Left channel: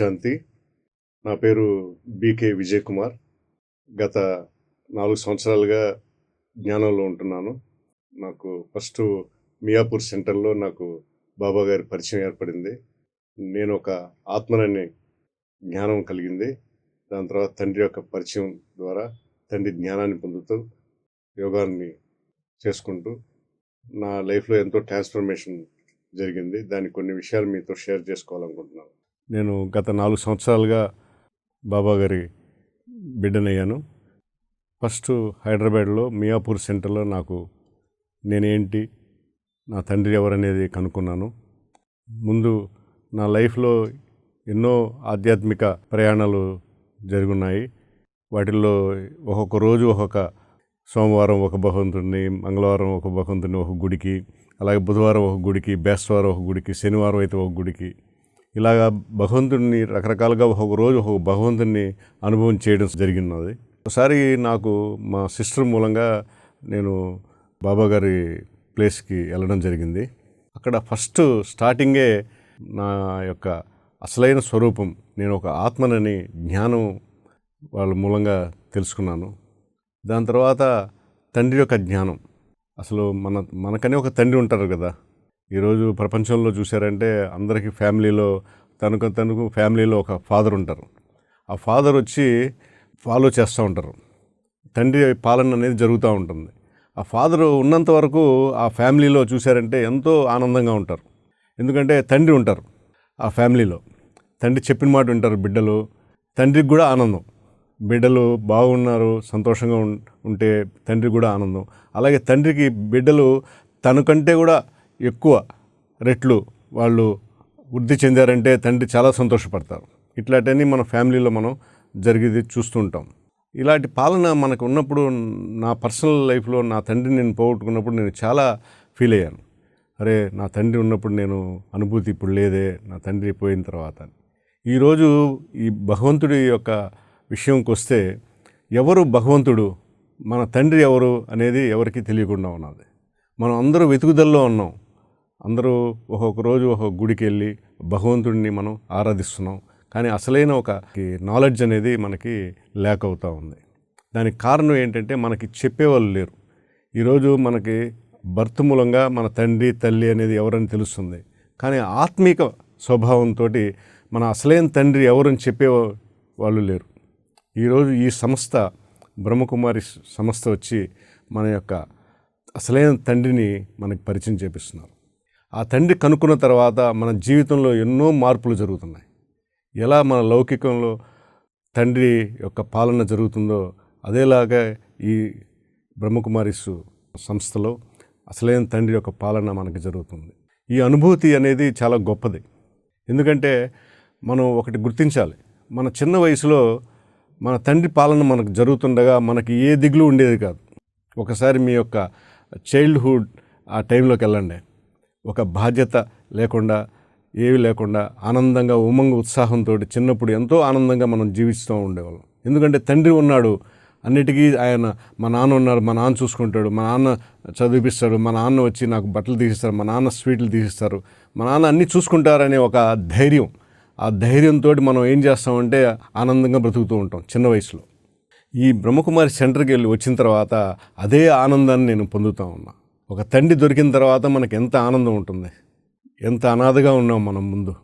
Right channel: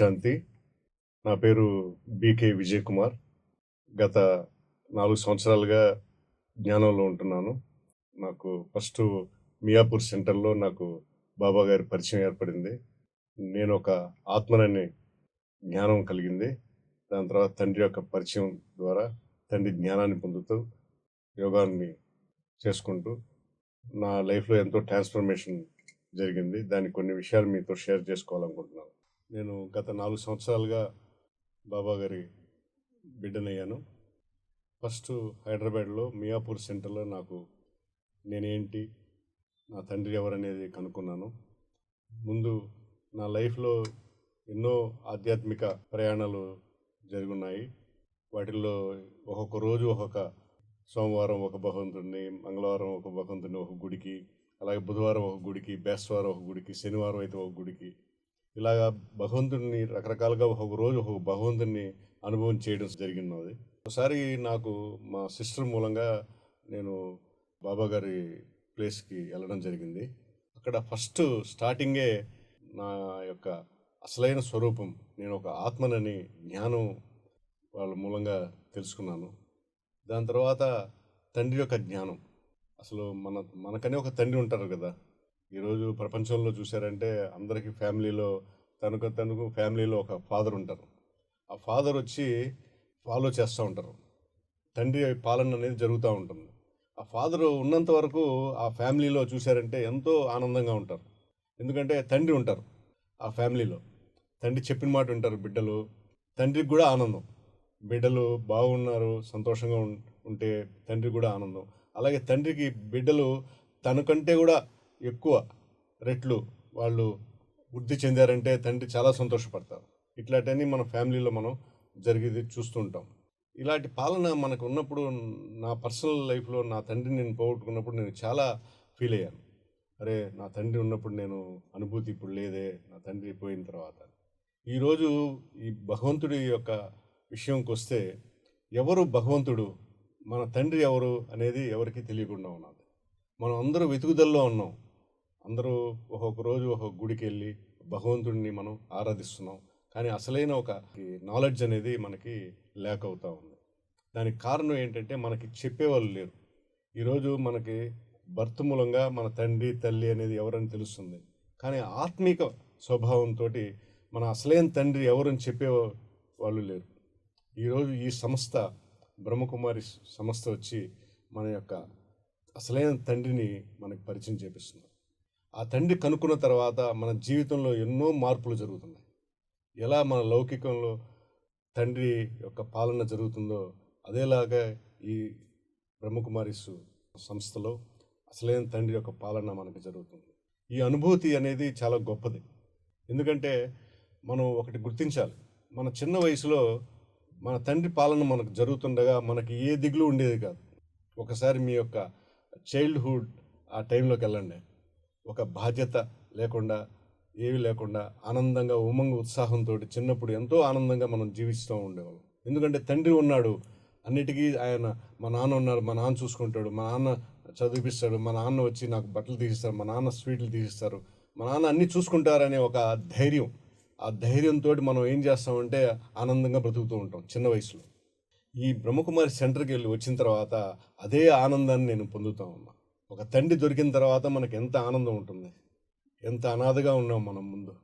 శాంతి. నా పేరు బీకే విజయ్ కుమార్ గత నాలుగు సంవత్సరాలుగా జ్ఞానంలో ఉంటున్నాను. నాకు ఫస్ట్ మియాపూర్ సెంటర్లో నాకు బాబా గారి పరిచయం ఏర్పడింది. నేను ఒక ఆత్మనని జ్ఞానం కలిగింది. దాని తర్వాత తండ్రి యొక్క పరిచయం ద్వారా తండ్రి జ్ఞానాన్ని పొందుతూ యోగాన్ని చేసుకుంటూ నా లైఫ్లో ఎంతో ట్రాన్స్ఫర్మేషన్ జరిగింది. దాని కొన్ని విషయాలు మీతో షేర్ చేసుకోవాలనుకుంటున్నాను. నేను గత నాలుగు సంవత్సరాలుగా బాబా గారి బిడ్డనయ్యాను. ఫస్ట్ హైదరాబాద్లో మియాపూర్ సెంటర్లో నాకు నేనేంటి నా తండ్రి ఎవరనేది కనుక్కున్నాను. ముందు నా లైఫ్లో ఎన్నో ఆధ్యాత్మిక ప్రయాణాలు జరుగున్నాయి. వాటిల్లో ఒక్కొక్క రోజు ఒక్కొక్క సోమవారం ఒక భగవంతుడిని మంగళవారం ఒక భగవంతుని ఒక గుడికి అలాగే బుధవారం ఒక గుడికి బేస్తవారం ఒక గుడికి శనివారం అయితే ఒక గుడికి ఇలాగా భగవంతుడిని రకరకాలుగా ఒక రోజు ఒక్కొక్క భగవంతుడిని అనుభవం చేయడం జరిగినది. ఒకసారి నాకు మా సిస్టర్ మూలంగా నేను బాబా గారి ప్లేస్కి వెళ్ళడం జరిగింది. అక్కడ ఫస్ట్ స్టార్టింగే నా యొక్క అసలైన స్వరూపం నేను ఒక ఆత్మనని జ్ఞానం వాళ్ళ మూలంగా తెలుసుకున్నాను. దాని తర్వాత తండ్రి యొక్క జ్ఞానం. అసలు మన మనకనే ఒక తండ్రి ఉంటారు కదా. ఈరోజు ప్రపంచంలో చూసారంటే అందరికీ ఫ్యామిలీలో తనకు తనకు ఫ్యామిలీలో ఒక ఫాదర్ ఉంటారు. ఆ ఫాదర్ వచ్చి ఫాలో చేస్తూ ఉంటారు. తండ్రి పాలన అనేది జరుగుతూ ఉంటుంది. ఆ ఫాదర్ ఉన్నంత వరకు ఆ ఫ్యామిలీలో చూశారంటే ఎంతో ఆనందంగా ఉంటారు. ఎందుకంటే తండ్రి ఉంటారు ఆ ఫ్యామిలీలో. తండ్రి చెప్పిన మాట వింటారు బిడ్డలు. తండ్రికి కూడా ఆనందం. బిడ్డలు బాగున్నారు సంతోషంగా ఉం- ఉంటే తండ్రికి కూడా ఆనందం. అలాగే తండ్రికి బిడ్డలు తనకంటే కూడా ఎక్కువ రెట్లు వాళ్ళు వృద్ధి చెందారంటే తండ్రి చాలా సంతోషపడతారు. ఇట్లాంటివన్నీ మన ఫ్యామిలీలో మనం జరిగేది చూస్తూ ఉంటాం ఇలాంటి పాలన మనకు ఉన్నప్పుడు నా పర్సనల్ లైఫ్లో నా తండ్రిని నేను పోగొట్టుకున్నప్పుడు నేను చాలా ఫీల్ అయ్యాను. అరే నా తండ్రి ఉన్నప్పుడు నేను అనుభూతి ఇప్పుడు లేదే నా తండ్రి పోయిన తర్వాత ఈరోజు ఈ భగవంతుడి యొక్క విషయంకి వస్తే ఎవరు భగవంతుడు మన తండ్రి ఎవరు అనేది ఎవరికీ తెలియకుండా ఉన్నది. మనం అందరూ వెతుకుదల్లో ఉన్నాం. అందరూ ఒక్కొక్క రోజు ఒక్కొక్క గుడికి వెళ్ళి భగవంతుడిని మనం ఆరాధిస్తున్నాం. కానీ అసలైన ఒక నాలెడ్జ్ అనేది మనకి లేక అవుతూ ఉంది. దానికి కారణం ఏంటంటే మనకి చెప్పేవాళ్ళు లేరు. ఈరోజు మనకి భర్త మూలంగా మన తండ్రి తల్లి అనేది ఎవరని తెలుస్తుంది. కానీ ఆత్మీక స్వభావంతో మన అసలైన తండ్రి ఎవరని చెప్పే వాళ్ళు లేరు. ఈరోజు ఈ సంస్థ బ్రహ్మకుమారి సంస్థ వచ్చి మన యొక్క అసలైన తండ్రిని మనకి పరిచయం చేపిస్తున్నారు. ఆ తండ్రి కనుక్కున్న తర్వాత మన జీవితంలో ఎన్నో మార్పులు జరుగుతున్నాయి. ఎలా మన లౌకికంలో తండ్రి యొక్క పాలన జరుగుతుందో అదేలాగా ఈ బ్రహ్మకుమారిస్ సంస్థలో అసలైన తండ్రి యొక్క పాలన మనకి జరుగుతుంది. ఈ అనుభూతి అనేది చాలా గొప్పది. ఎందుకంటే మనం ఒకటి గుర్తించాలి మన చిన్న వయసులో మన తండ్రి పాలన మనకు జరుగుతుండగా మనకి ఏ దిగులు ఉండేది కాదు. ఒకసారి మీ యొక్క చైల్డ్హుడ్ ఆ టైంలోకి వెళ్ళండి. ఒక బాధ్యత లేకుండా ఏవి లేకుండా ఆనందంగా ఉమంగ ఉత్సాహంతో చిన్నప్పుడు ఎంతో ఆనందంగా మనం జీవిస్తూ ఉండేవాళ్ళం. ఎందుకంటే తండ్రి ఉన్నాడు అన్నిటికీ ఆయన మా నాన్న ఉన్నాడు మా నాన్న చూసుకుంటాడు మా నాన్న చదివిపిస్తాడు మా నాన్న వచ్చి నాకు బట్టలు తీసిస్తారు మా నాన్న స్వీట్లు తీసిస్తారు మా నాన్న అన్నీ చూసుకుంటారనే ఒక ధైర్యం. ఆ ధైర్యంతో మనం ఏం చేస్తామంటే ఆనందంగా బ్రతుకుతూ ఉంటాం చిన్న వయసులో. ఈ బ్రహ్మకుమారి సెంటర్కి వెళ్ళి వచ్చిన తర్వాత అదే ఆనందాన్ని నేను పొందుతూ ఉన్నా. ఒక తండ్రి దొరికిన తర్వాత మనకి ఎంత ఆనందం ఉంటుంది. ఎంత అనాథగా ఉన్నాం మనం ముందు.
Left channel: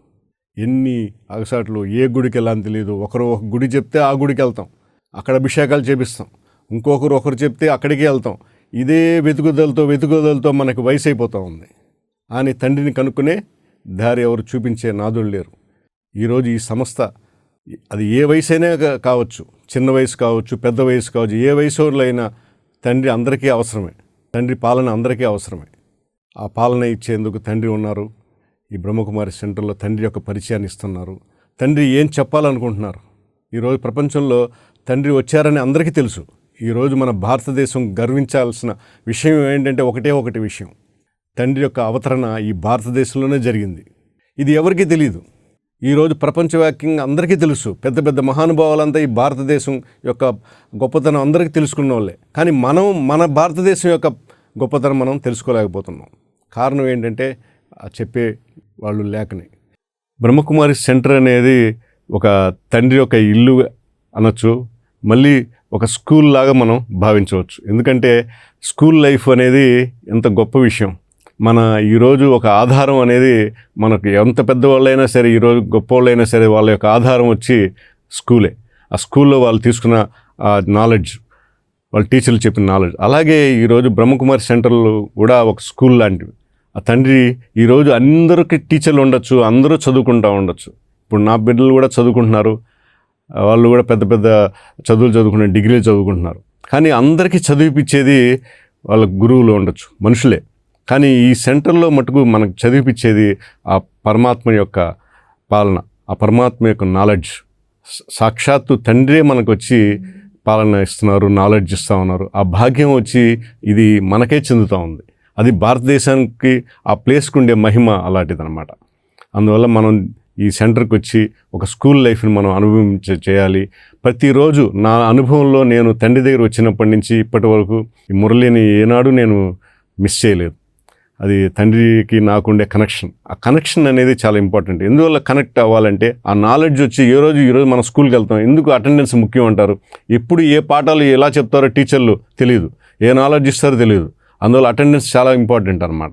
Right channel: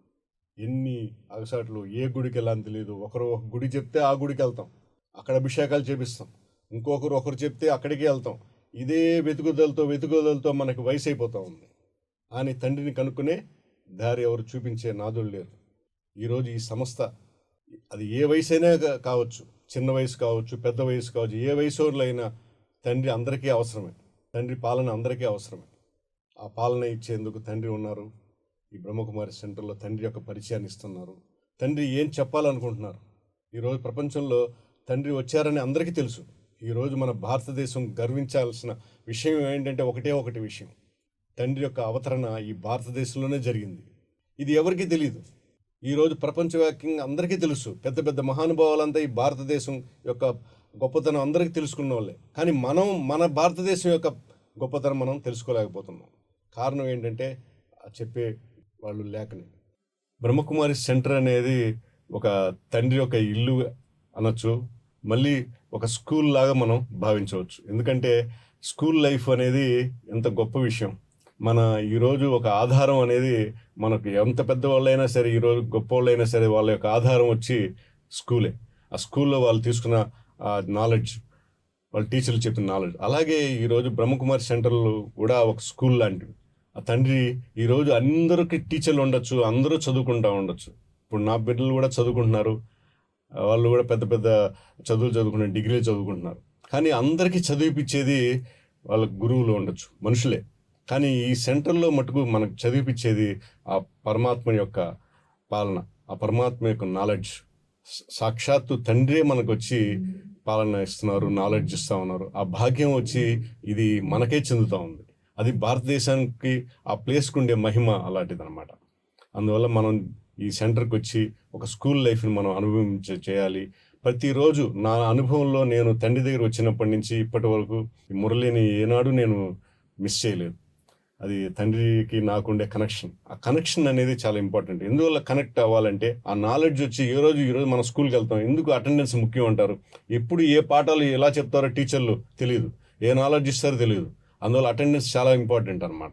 ఎన్ని అగసాట్లు ఏ గుడికి వెళ్ళాలని తెలియదు ఒకరు ఒక గుడి చెప్తే ఆ గుడికి వెళ్తాం. అక్కడ అభిషేకాలు చేపిస్తాం. ఇంకొకరు ఒకరు చెప్తే అక్కడికి వెళ్తాం. ఇదే వెతుకుదలతో వెతుకుదలతో మనకు వయసు అయిపోతూ ఉంది. అని తండ్రిని కనుక్కునే దారి ఎవరు చూపించే నాదులు లేరు. ఈరోజు ఈ సంస్థ అది ఏ వయసు అయినా కావచ్చు. చిన్న వయసు కావచ్చు పెద్ద వయసు కావచ్చు ఏ వయసు అయినా తండ్రి అందరికీ అవసరమే. తండ్రి పాలన అందరికీ అవసరమే. ఆ పాలన ఇచ్చేందుకు తండ్రి ఉన్నారు. ఈ బ్రహ్మకుమారి సెంటర్లో తండ్రి యొక్క పరిచయాన్ని ఇస్తున్నారు. తండ్రి ఏం చెప్పాలనుకుంటున్నారు? ఈరోజు ప్రపంచంలో తండ్రి వచ్చారని అందరికీ తెలుసు. ఈరోజు మన భారతదేశం గర్వించాల్సిన విషయం ఏంటంటే ఒకటే ఒకటి విషయం. తండ్రి యొక్క అవతరణ ఈ భారతదేశంలోనే జరిగింది. ఇది ఎవరికీ తెలియదు ఈరోజు ప్రపంచవ్యాప్తంగా అందరికీ తెలుసు. పెద్ద పెద్ద మహానుభావులంతా ఈ భారతదేశం యొక్క గొప్పతనం అందరికీ తెలుసుకున్న వాళ్ళే కానీ మనం మన భారతదేశం యొక్క గొప్పతనం మనం తెలుసుకోలేకపోతున్నాం. కారణం ఏంటంటే చెప్పే వాళ్ళు లేకనే. బ్రహ్మకుమారి సెంటర్ అనేది ఒక తండ్రి యొక్క ఇల్లు అనొచ్చు మళ్ళీ ఒక స్కూల్ లాగా మనం భావించవచ్చు. ఎందుకంటే స్కూల్ లైఫ్ అనేది ఎంత గొప్ప విషయం. మన ఈరోజు ఒక ఆధారం అనేది మనకు ఎంత పెద్దవాళ్ళైనా సరే ఈరోజు గొప్ప వాళ్ళైనా సరే వాళ్ళ యొక్క ఆధారం వచ్చి స్కూలే. ఆ స్కూల్లో వాళ్ళు తీసుకున్న నాలెడ్జ్ వాళ్ళ టీచర్లు చెప్పిన నాలెడ్జ్ అలాగే ఈరోజు బ్రహ్మకుమారి సెంటర్లు కూడా ఒక స్కూల్ లాంటివి. ఆ తండ్రి ఈరోజు అందరికీ టీచర్లు ఉండొచ్చు అందరూ చదువుకుంటూ ఉండొచ్చు. ఇప్పుడు నా బిడ్డలు కూడా చదువుకుంటున్నారు. వాళ్ళు కూడా పెద్ద పెద్ద చదువులు చదువుకునే డిగ్రీలు చదువుకుంటున్నారు. కానీ అందరికీ చదివిపించేది వాళ్ళ గురువులు ఉండొచ్చు మనుషులే. కానీ ఈ సెంటర్లో మటుకు మనకు చదివిపించేది ఆ పరమాత్మ యొక్క పాలన ఆ పరమాత్మ యొక్క నాలెడ్జ్ సాక్షాత్తు తండ్రే మనకు వచ్చి hmm. పాలన ఇస్తున్నారు నాలెడ్జ్ ఇస్తూ ఉన్నారు. ఆ భాగ్యం వచ్చి ఇది మనకే చెందుతూ ఉంది. అది భారతదేశానికి ఆ ప్లేస్కి ఉండే మహిమ అలాంటిదన్నమాట. అందువల్ల మనం ఈ సెంటర్కి వచ్చి ఒక స్కూల్ లైఫ్ని మనం అనుభవించ చేయాలి. ప్రతిరోజు నా అనుభవంలో నేను తండ్రి దగ్గర వచ్చినప్పటి నుంచి ఇప్పటి వరకు ఈ మురళిని ఏనాడు నేను మిస్ చేయలేదు. అది తండ్రికి నాకుండే కనెక్షన్ ఆ కనెక్షన్ అనేది చాలా ఇంపార్టెంట్ ఎందువల్ల కనెక్ట్ అవ్వాలంటే ఆ నాలెడ్జ్ వచ్చి ఏ రోజు ఈరోజు మనం స్కూల్కి వెళ్తాం ఎందుకు అటెండెన్స్ ముఖ్యం అంటారు? ఎప్పుడు ఏ పాఠాలు ఎలా చెప్తారో టీచర్లు తెలియదు ఏ నాలెడ్జ్ ఇస్తారో తెలియదు అందువల్ల అటెండెన్స్ చాలా ఇంపార్టెంట్ అనమాట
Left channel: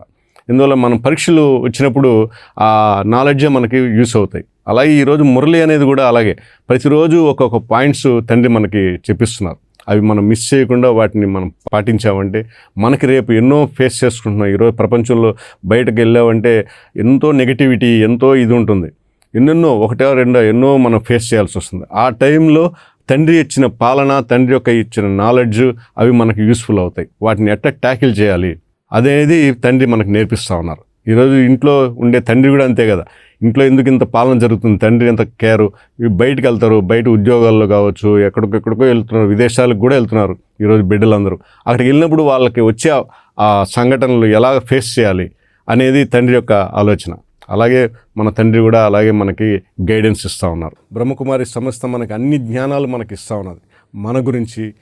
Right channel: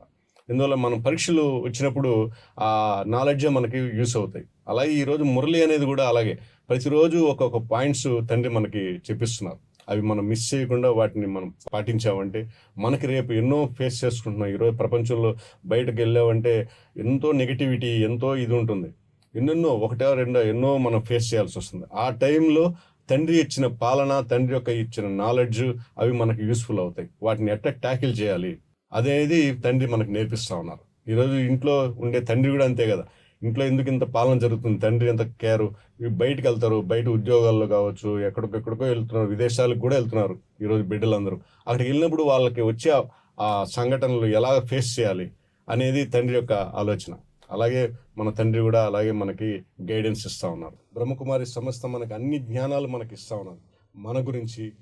ఇందువల్ల మనం పరీక్షలు వచ్చినప్పుడు ఆ నాలెడ్జే మనకి యూస్ అవుతాయి. అలాగే ఈరోజు మురళి అనేది కూడా అలాగే. ప్రతిరోజు ఒక్కొక్క పాయింట్స్ తండ్రి మనకి చెప్పిస్తున్నారు. అవి మనం మిస్ చేయకుండా వాటిని మనం పాటించామంటే మనకి రేపు ఎన్నో ఫేస్ చేసుకుంటున్నాం. ఈరోజు ప్రపంచంలో బయటకు వెళ్ళామంటే ఎంతో నెగిటివిటీ ఎంతో ఇది ఉంటుంది. ఎన్నెన్నో ఒకటో రెండో ఎన్నో మనం ఫేస్ చేయాల్సి వస్తుంది. ఆ టైంలో తండ్రి ఇచ్చిన పాలన తండ్రి యొక్క ఇచ్చిన నాలెడ్జ్ అవి మనకు యూస్ఫుల్ అవుతాయి. వాటిని ఎట్లా ట్యాకిల్ చేయాలి? అనేది తండ్రి మనకు నేర్పిస్తూ ఉన్నారు. ఈరోజు ఇంట్లో ఉండే తండ్రి కూడా అంతే కదా. ఇంట్లో ఎందుకు ఇంత పాలన జరుగుతుంది? తండ్రి ఎంత కేరు? ఇవి బయటకు వెళ్తారు బయట ఉద్యోగాల్లో కావచ్చు ఎక్కడికెక్కడికో వెళ్తున్నారు విదేశాలకు కూడా వెళ్తున్నారు ఈరోజు బిడ్డలందరూ. అక్కడికి వెళ్ళినప్పుడు వాళ్ళకి వచ్చే ఆ- సంఘటనలు ఎలా ఫేస్ చేయాలి అనేది తండ్రి యొక్క ఆలోచన. అలాగే మన తండ్రి కూడా అలాగే మనకి గైడెన్స్ ఇస్తూ ఉన్నారు. బ్రహ్మకుమారి సంస్థ మనకి అన్ని జ్ఞానాలు మనకి ఇస్తూ ఉన్నది. మన గురించి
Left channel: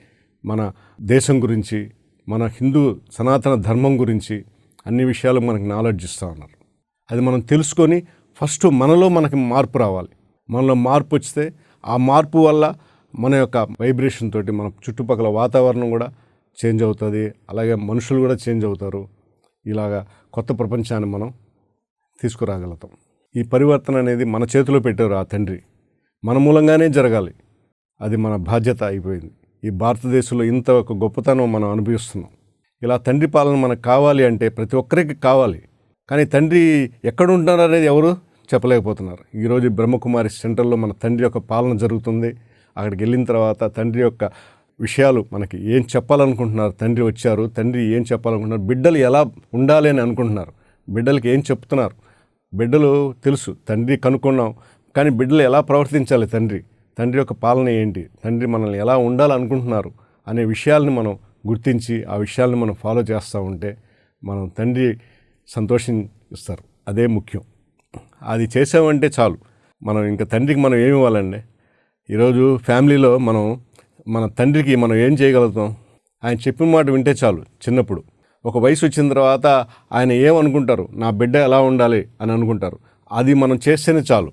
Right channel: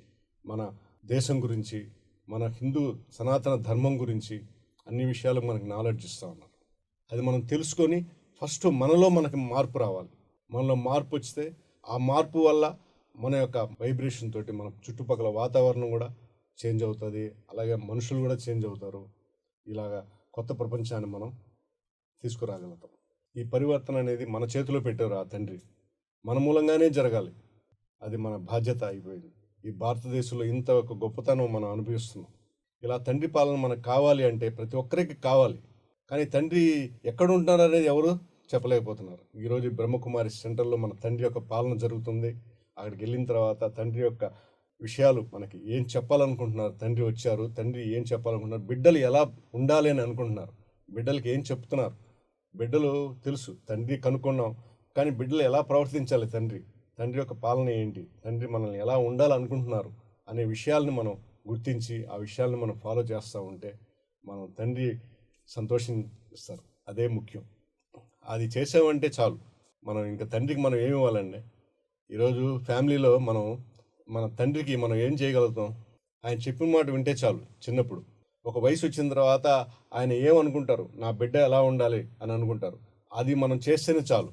మన దేశం గురించి మన హిందూ సనాతన ధర్మం గురించి అన్ని విషయాలు మనకి నాలెడ్జ్ ఇస్తూ ఉన్నారు. అది మనం తెలుసుకొని ఫస్ట్ మనలో మనకి మార్పు రావాలి. మనలో మార్పు వస్తే ఆ మార్పు వల్ల మన యొక్క వైబ్రేషన్ తోటి మన చుట్టుపక్కల వాతావరణం కూడా చేంజ్ అవుతుంది. అలాగే మనుషులు కూడా చేంజ్ అవుతారు. ఇలాగా కొత్త ప్రపంచాన్ని మనం తీసుకురాగలుగుతాం. ఈ పరివర్తన అనేది మన చేతిలో పెట్టారు ఆ తండ్రి. మన మూలంగానే జరగాలి. అది మన బాధ్యత అయిపోయింది. ఈ భారతదేశంలో ఇంత ఒక గొప్పతనం మనం అనుభవిస్తున్నాం. ఇలా తండ్రి పాలన మనకు కావాలి అంటే ప్రతి ఒక్కరికి కావాలి. కానీ తండ్రి ఎక్కడ ఉంటున్నారు అనేది ఎవరు? చెప్పలేకపోతున్నారు. ఈరోజు బ్రహ్మకుమారి సెంటర్లో మన తండ్రి యొక్క పాలన జరుగుతుంది. అక్కడికి వెళ్ళిన తర్వాత తండ్రి యొక్క విషయాలు మనకి ఏం చెప్పాలనుకుంటున్నారు? తండ్రి వచ్చారు. తండ్రి ఏం చెప్పాలనుకుంటున్నారు? బిడ్డలు ఎలా ఉండాలి అని అనుకుంటున్నారు? బిడ్డలకి ఏం చెప్తున్నారు? బిడ్డలు తెలుసు. తండ్రి కనుక్కున్నాం. కానీ బిడ్డలు ఎలా ప్రవర్తించాలి తండ్రి? తండ్రి యొక్క పాలన ఏంటి? తండ్రి మనల్ని ఎలా ఉండాలనుకుంటున్నారు అనే విషయాల్ని మనం గుర్తించి ఆ విషయాల్ని మనం ఫాలో చేస్తూ ఉంటే మనం తండ్రి సంతోషం ఇస్తారు అదే ముఖ్యం. అది చేసామంటే చాలు. మనం ఇంకా తండ్రికి మనం ఏమి ఇవ్వాలండి? ఈరోజు ఫ్యామిలీలో మనం మన తండ్రికి మనం ఏం చేయగలుగుతాం? ఆయన చెప్పిన మాట వింటే చాలు చిన్నప్పుడు. ఒక వయసు వచ్చిన తర్వాత ఆయన ఏమనుకుంటారు? నా బిడ్డ ఎలా ఉండాలి అని అనుకుంటారు. అది మనం చేస్తేనే చాలు.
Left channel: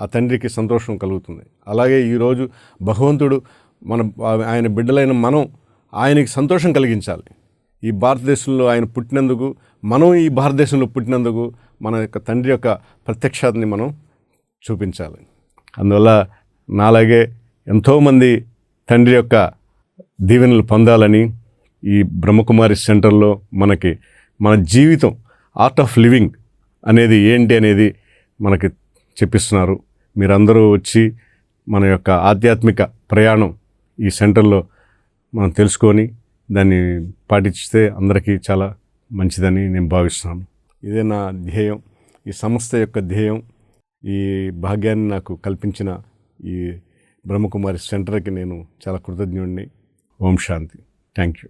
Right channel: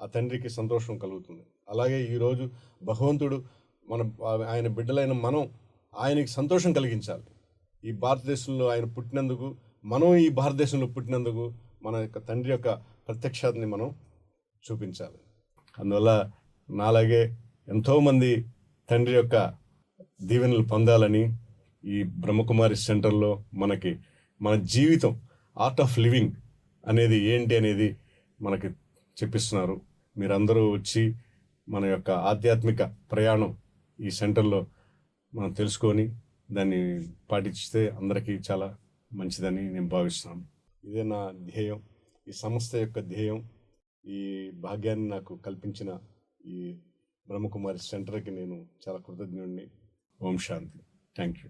ఆ తండ్రికి సంతోషం కలుగుతుంది. అలాగే ఈరోజు భగవంతుడు మన ఆయన బిడ్డలైన మనం ఆయనకి సంతోషం కలిగించాలి. ఈ భారతదేశంలో ఆయన పుట్టినందుకు మనం ఈ భారతదేశంలో పుట్టినందుకు మన యొక్క తండ్రి యొక్క ప్రత్యక్షతని మనం చూపించాలి. అందువల్ల నాలాగే ఎంతోమంది తండ్రి యొక్క దీవెనలు పొందాలని ఈ బ్రహ్మకుమారి సెంటర్లో మనకి మన జీవితం ఆర్ట్ ఆఫ్ లివింగ్ అనేది ఏంటి అనేది మనకి చెప్పిస్తున్నారు. మీరందరూ వచ్చి మన యొక్క ఆధ్యాత్మిక ప్రయాణం ఈ సెంటర్లో మనం తెలుసుకొని దాన్ని పాటిస్తే అందరికీ చాలా మంచిదని నేను భావిస్తున్నాను. ఇదే నా ధ్యేయం ఈ సంస్థ యొక్క ధ్యేయం. ఈ భాగ్యాన్ని నాకు కల్పించిన ఈ బ్రహ్మకుమారి సెంటర్కి నేను చాలా కృతజ్ఞుడిని. ఓం శాంతి. Thank you